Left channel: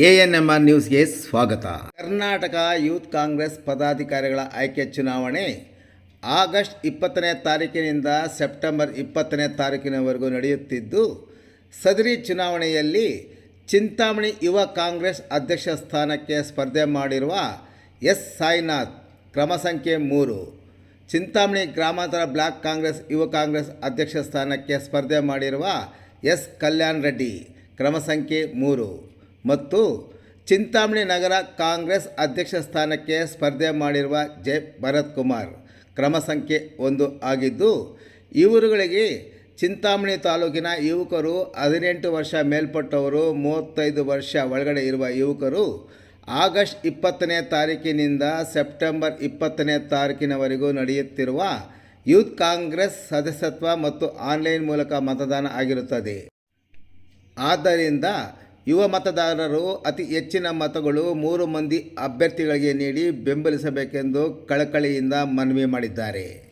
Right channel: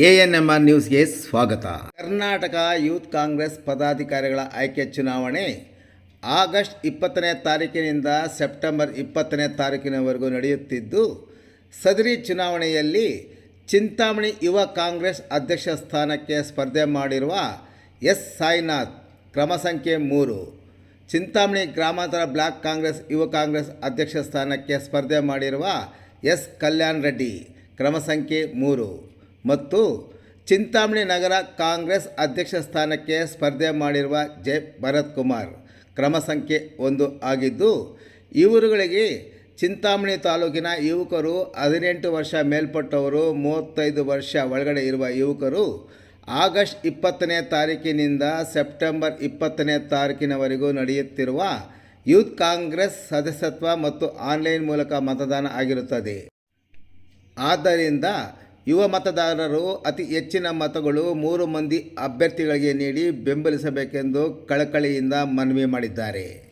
A N M R ನ್ಯೂಸ್ಗೆ ಸ್ವಾಗತ. Karnataka youth Congress ಪದಾಧಿಕಾರಿಗಳ ಆಯ್ಕೆ ಚುನಾವಣೆ ಆಗಸ್ಟ್ ಇಪ್ಪತ್ತನೇ ತಾರೀಕಿನಿಂದ ಸೆಪ್ಟೆಂಬರ್ ಇಪ್ಪತ್ತನೇ ತಾರೀಕಿನವರೆಗೂ ನಡೆಯುತ್ತಿದ್ದು, ಸದರಿ ಚುನಾವಣೆಯಲ್ಲಿ ಚಿಂತಾಮಣಿ ಯುವ ಕಾಂಗ್ರೆಸ್ ಅಧ್ಯಕ್ಷ ಸ್ಥಾನಕ್ಕೆ ಸ್ಪರ್ಧೆ ಮಾಡಿರುವ ಎಸ್. ಸಾಯಿನಾಥ್, ಕ್ರಮ ಸಂಖ್ಯೆ ಮೂರು. ಚಿಂತಾಮಣಿ ಗ್ರಾಮಾಂತರ ಬ್ಲಾಕ್ ಕಾಂಗ್ರೆಸ್ ಯುವ ಕಾಂಗ್ರೆಸ್ ಅಧ್ಯಕ್ಷ ಸ್ಥಾನಕ್ಕೆ ಸ್ಪರ್ಧೆ ಮಾಡಿರುವ ಎಸ್. ಕಲ್ಯಾಣ್ ರೆಡ್ಡಿ, ಕ್ರಮ ಸಂಖ್ಯೆ ಮೂರು. ಮತ್ತು ಚಿಂತಾಮಣಿ ನಗರ ಕಾಂಗ್ರೆಸ್ ಅಧ್ಯಕ್ಷ ಸ್ಥಾನಕ್ಕೆ ಸ್ಪರ್ಧೆ ಮಾಡಿರುವ ಜೆ ಭರತ್ ಕುಮಾರ್ ಕ್ರಮ ಸಂಖ್ಯೆ ಒಂದು ಆಗಿದ್ದು ಇವರುಗಳಿಗೆ ಚಿಂತಾಮಣಿ ತಾಲೂಕಿನ ಯುವಕರು ಹದಿನೆಂಟು ವರ್ಷ ಮೇಲ್ಪಟ್ಟವರು, ಮೂವತ್ತೈದು ವರ್ಷ ಒಳಗಡೆ ಇರುವ ಯುವಕರು ಆಗಸ್ಟ್ ಇಪ್ಪತ್ತನೇ ತಾರೀಕಿನಿಂದ ಸೆಪ್ಟೆಂಬರ್ ಇಪ್ಪತ್ತನೇ ತಾರೀಕಿನವರೆಗೂ ನಡೆಯುತ್ತಿರುವ ಯೂತ್ ಕಾಂಗ್ರೆಸ್ ಸದಸ್ಯತ್ವ ಮತ್ತು ಆನ್ಲೈನ್ ಮೂಲಕ ಮತದಾನ ಆಗಿರುತ್ತದೆ. ಆದ್ದರಿಂದ ಯುವ ಮತದಾರರು ಅತಿ ಹೆಚ್ಚಿನ ಮತಗಳು ಮೂರು ಮಂದಿ ಅಭ್ಯರ್ಥಿಗಳಿಗೆ ನೀಡಿ ಬೆಂಬಲಿಸಬೇಕೆಂದು ಕಳಕಳಿಯಿಂದ ಮನವಿ ಮಾಡಿದ್ದಾರೆ.